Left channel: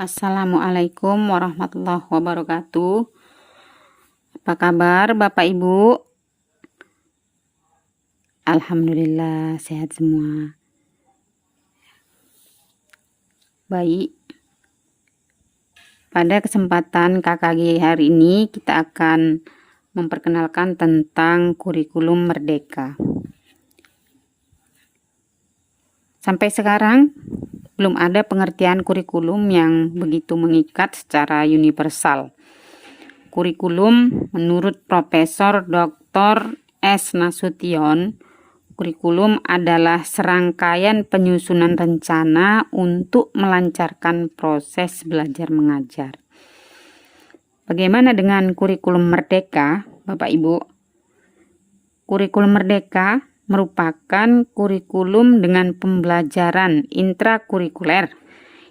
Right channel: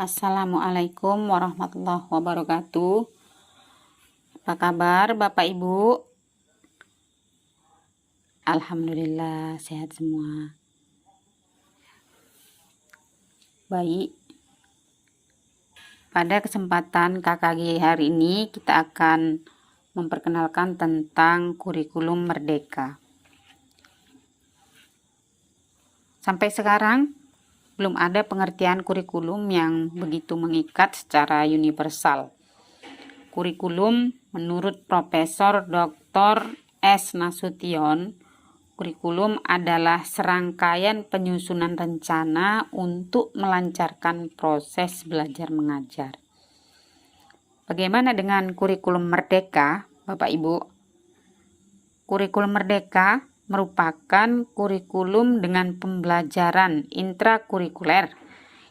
Assalamualaikum warahmatullahi wabarakatuh. Apa kabar Bapak Ibu? Alhamdulillah sehat semua. Baik. Pada kesempatan KKG hari ini kita akan memperkenalkan tentang kurikulum merdeka. Sampai sekarang belum ada pengertian kurikulum yang begitu mengikat secara universal. Kurikulum menurut Profesor Dr. S. Nasution, kurikulum adalah serangkaian penyusunan rencana untuk melancarkan proses belajar mengajar. Bagaimana dengan kurikulum merdeka, Bapak Ibu? Kurikulum merdeka merupakan kurikulum dengan pembelajaran intrakurikuler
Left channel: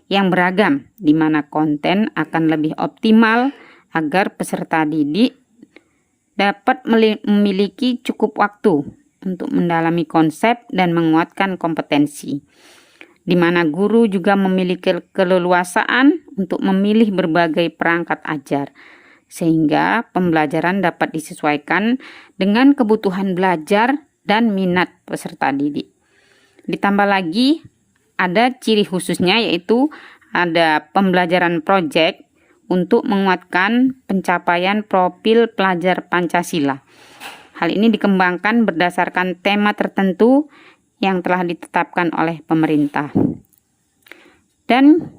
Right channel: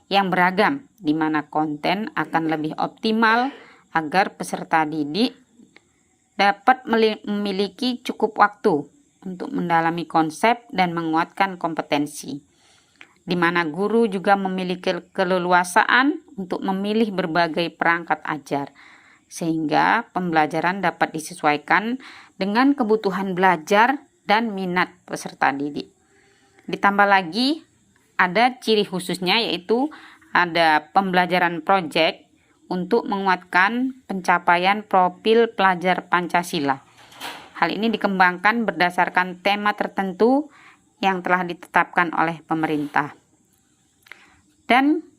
yang beragam, di mana konten akan lebih optimal agar peserta didik dapat memiliki cukup waktu untuk mendalami konsep dan menguatkan kompetensi, di mana guru juga memiliki keleluasaan untuk memilih berbagai perangkat ajar, sehingga pembelajaran dapat disesuaikan dengan kebutuhan belajar dan minat peserta didik. Ditambah lagi ada ciri khususnya, yaitu ada pembelajaran proyek untuk menguatkan pencapaian profil pelajar Pancasila. Hal ini dikembangkan berdasarkan tema tertentu yang telah ditetapkan oleh pemerintah. Dan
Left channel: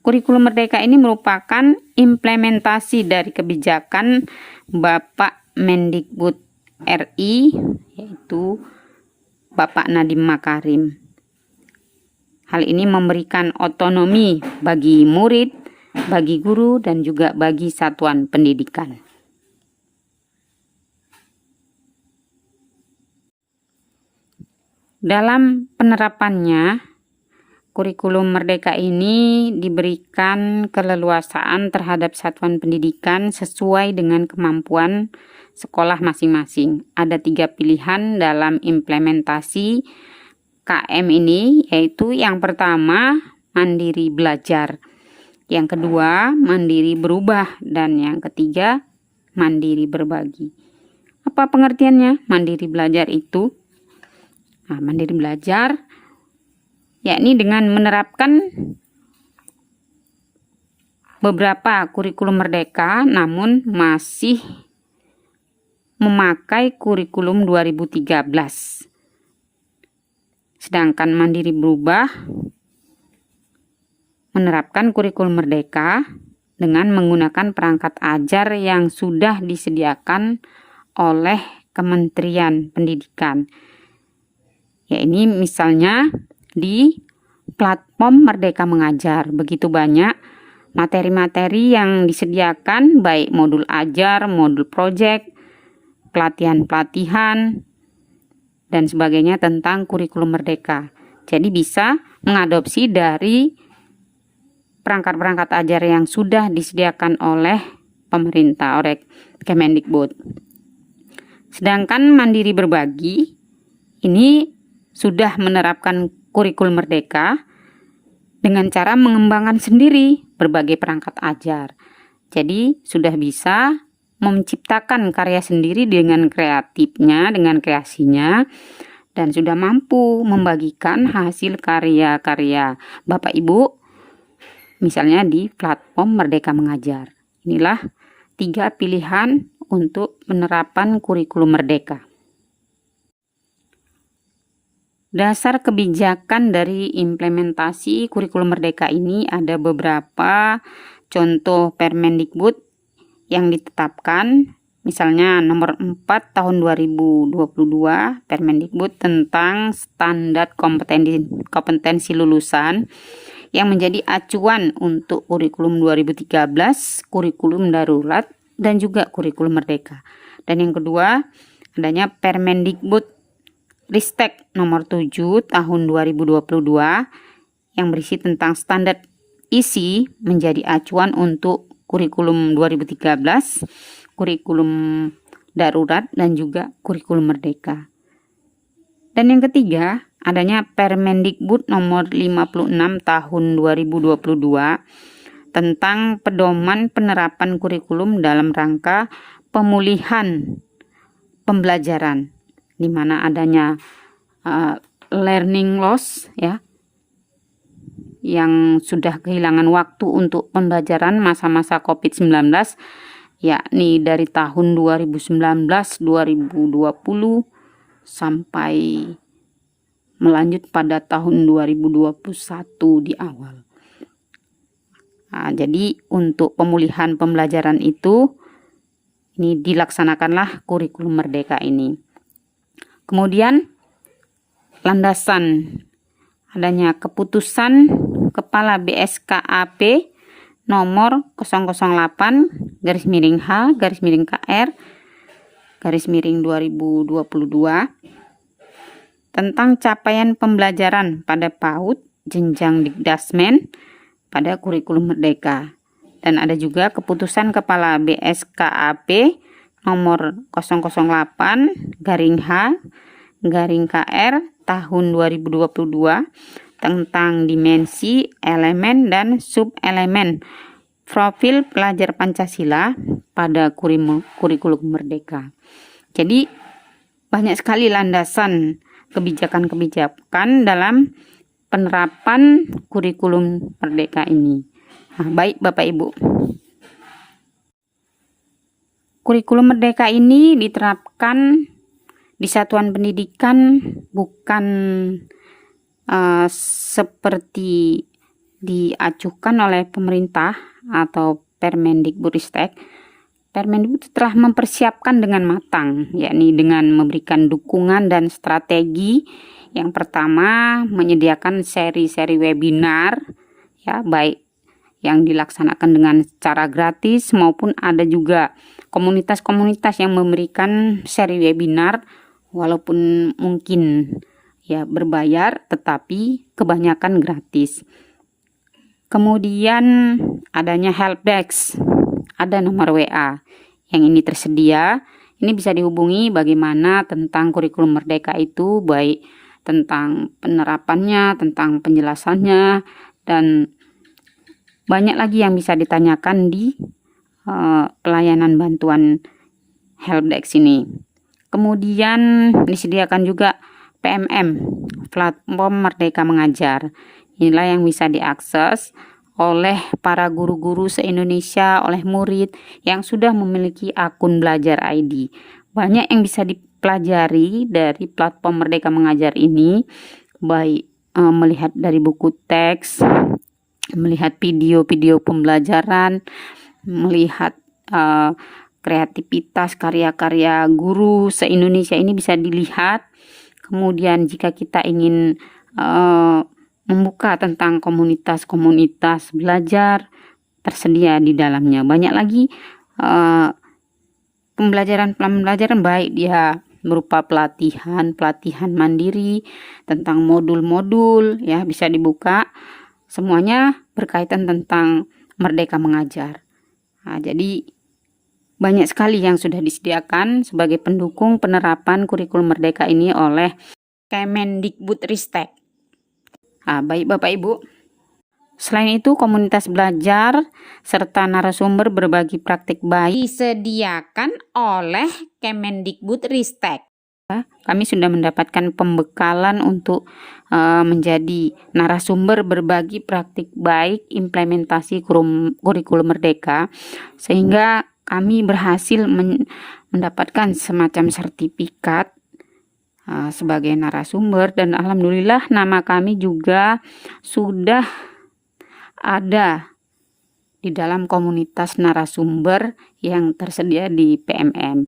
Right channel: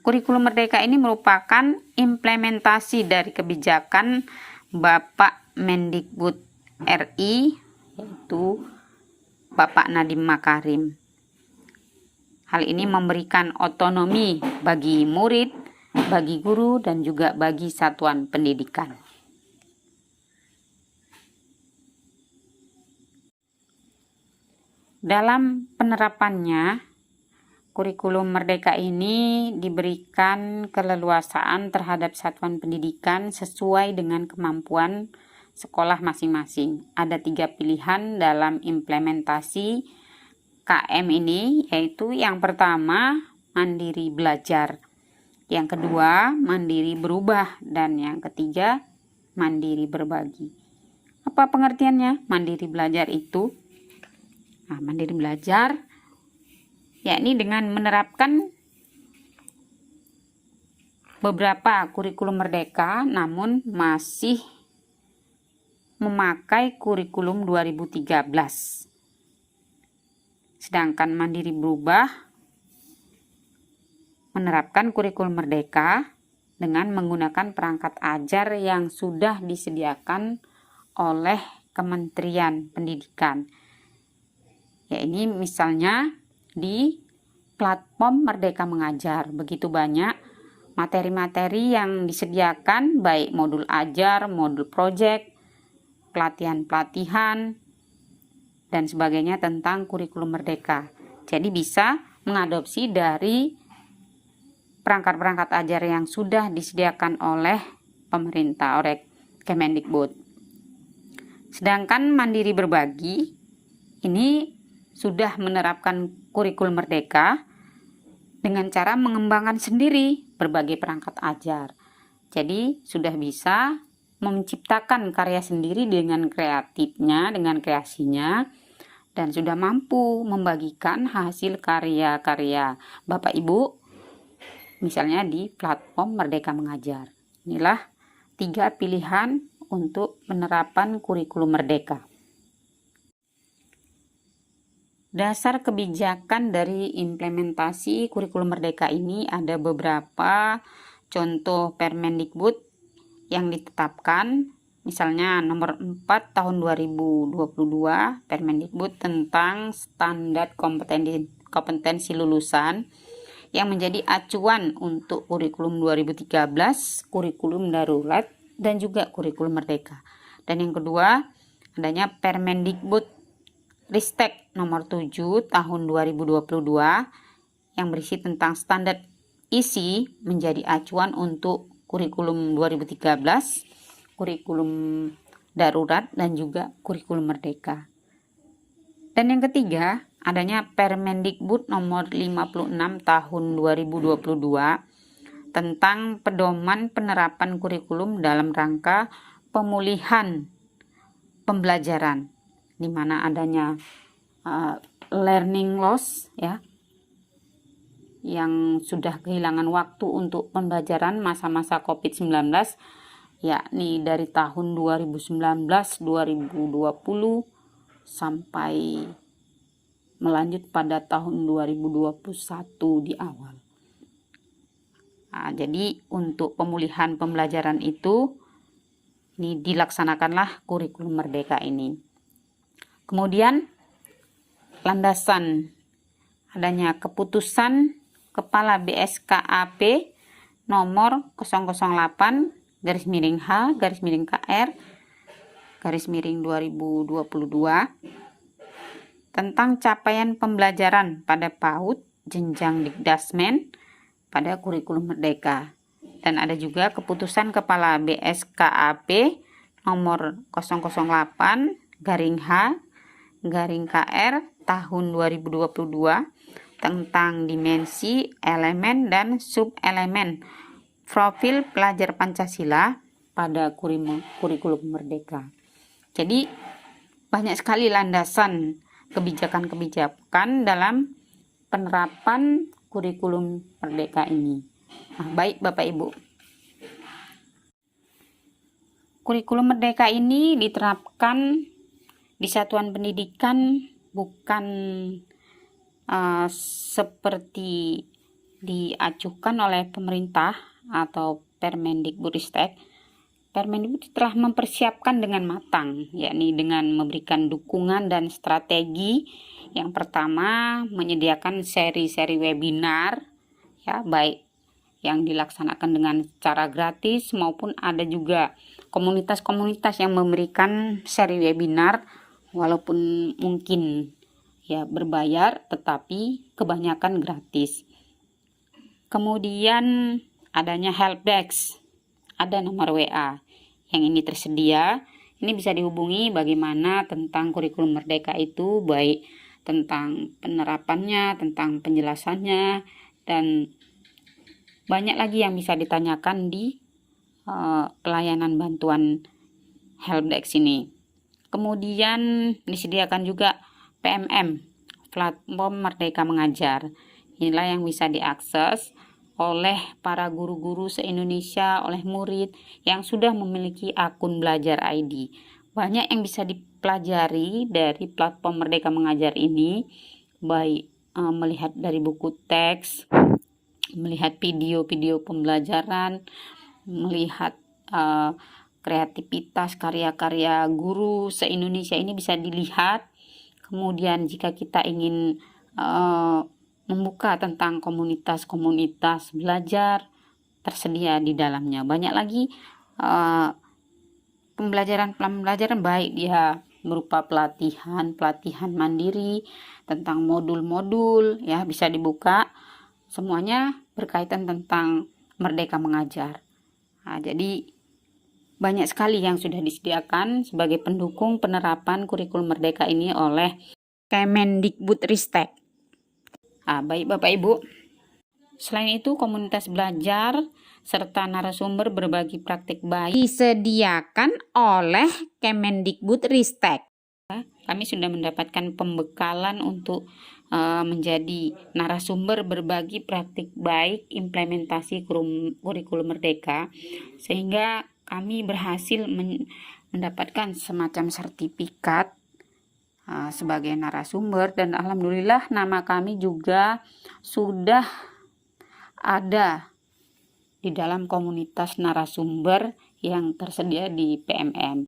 kurikulum merdeka ini merupakan implementasi dari kebijakan Bapak Mendikbud RI, yaitu Bapak Nadiem Makarim. Hal ini memberikan otonomi bagi murid, bagi guru, dan juga bagi satuan pendidikan. Dalam penerapannya, kurikulum merdeka ini diberikan keleluasaan terhadap satuan pendidikan sesuai dengan kemampuan sekolah masing-masing. Ada 3 pilihan dalam implementasi KM ini, yaitu yang pertama mandiri belajar, yang kedua mandiri berubah, dan yang ketiga mandiri berbagi. Apa pengertiannya mandiri belajar itu? Mandiri belajar yakni dengan menerapkan beberapa kurikulum merdeka namun masih memakai kurikulum 2013. Sedangkan mandiri berubah menerapkan kurikulum merdeka dengan menggunakan perangkat ajar yang sudah disediakan oleh Kementerian Pendidikan. Ya, ini misalnya di platform Merdeka Mengajar. Begitu banyak materi-materi yang disediakan, baik modul ajar, modul proyek, pelatihan-pelatihan, dan sebagainya tentang kurikulum merdeka. Jadi bisa mengadopsi dari perangkat-perangkat ajar yang sudah disediakan oleh pemerintah, oleh Kemendikbud. Sedangkan mandiri berbagi ini sudah menerapkan kurikulum merdeka dengan cara mengembangkan sendiri berbagai perangkat ajar. Jadi sudah bisa menciptakan karya sendiri dengan kreatifnya, dengan kreasinya, dan sudah mampu membagikan hasil karya-karya Bapak Ibu, misalnya di platform Merdeka Mengajar. Inilah 3 pilihan untuk penerapan kurikulum merdeka. Dasar kebijakan dari implementasi kurikulum merdeka ini ada beberapa contoh Permendikbud yang ditetapkan, misalnya nomor 4 tahun 2022 Permendikbud tentang standar kompetensi lulusan yang menjadi acuan untuk kurikulum 2013, kurikulum darurat, dan juga kurikulum merdeka. Dan yang kedua, adanya Permendikbud Ristek nomor 7 tahun 2022 yang berisi tentang standar isi menjadi acuan untuk kurikulum 2013, kurikulum darurat, dan juga kurikulum merdeka. Dan yang ketiga, adanya Permendikbud nomor 56 tahun 2022 tentang pedoman penerapan kurikulum dalam rangka pemulihan pembelajaran, di mana adanya learning loss ya, yang sudah kehilangan waktu untuk pembelajaran masa-masa COVID-19, yakni dari tahun 2019-2020 sampai melanjut pada tahun 2021 di awal. Nah, jadi untuk pemulihan pembelajaran itu, ini dilaksanakanlah kurikulum merdeka ini. Kemudian landasan adanya keputusan Kepala BSKAP nomor 008-H-KR-2022 tentang capaian pembelajaran pada PAUD jenjang Dikdasmen pada kurikulum merdeka. Dan ada juga keputusan Kepala BSKAP nomor 008-H-KR tahun 2022 tentang dimensi, elemen, dan subelemen profil pelajar Pancasila pada kurikulum merdeka. Jadi banyak sekali landasan kebijakan-kebijakan dalam penerapan kurikulum merdeka ini. Nah, baik Bapak Ibu. Kurikulum merdeka ini diterapkan di satuan pendidikan bukan seperti diacuhkan oleh pemerintah atau Permendikbudristek. Permendikbud telah mempersiapkan dengan matang, yakni dengan memberikan dukungan dan strategi. Yang pertama, menyediakan seri-seri webinar, ya, baik yang dilaksanakan dengan cara gratis maupun ada juga komunitas-komunitas yang memberikan seri webinar walaupun mungkin ya berbayar, tetapi kebanyakan gratis. Kemudian adanya helpdesk, ada nomor WA yang ini tersedia. Ini bisa dihubungi bagaimana tentang kurikulum merdeka itu, baik tentang penerapannya, tentang penjelasannya, dan banyak lagi yang bisa ditanyakan di pelayanan bantuan helpdesk ini. Kemudian disediakan juga PMM, platform Merdeka Mengajar. Inilah yang bisa diakses oleh para guru-guru se-Indonesia, oleh murid yang sudah memiliki akun Belajar ID. Banyak yang bisa dipelajari dari platform Merdeka Mengajar ini, baik melihat dari buku teks, melihat video-video pembelajaran, melihat kreativitas karya-karya guru se-Indonesia ini bisa dilihat. Kemudian jika kita ingin membuka tentang komunitas-komunitas belajar, tersedia di dalamnya. Banyak lagi pembelajaran baik dia berupa pelatihan mandiri tentang modul-modul, ya, bisa dibuka. Semuanya berkaitan tentang Merdeka Mengajar. Nah, jadi banyak sekali yang sudah disediakan sebagai pendukung penerapan kurikulum merdeka ini oleh Kemendikbudristek. Nah, baik Bapak Ibu. Selain itu, komunitas belajar serta narasumber berbagi praktik baik disediakan oleh Kemendikbudristek. Kami sudah mendapatkan pembekalan untuk menjadi narasumber berbagi praktik baik implementasi kurikulum merdeka, sehingga kami berhasil mendapatkan semacam sertifikat sebagai narasumber, dan alhamdulillah nama kami juga sudah ada di dalam komunitas narasumber yang tersedia di PMM.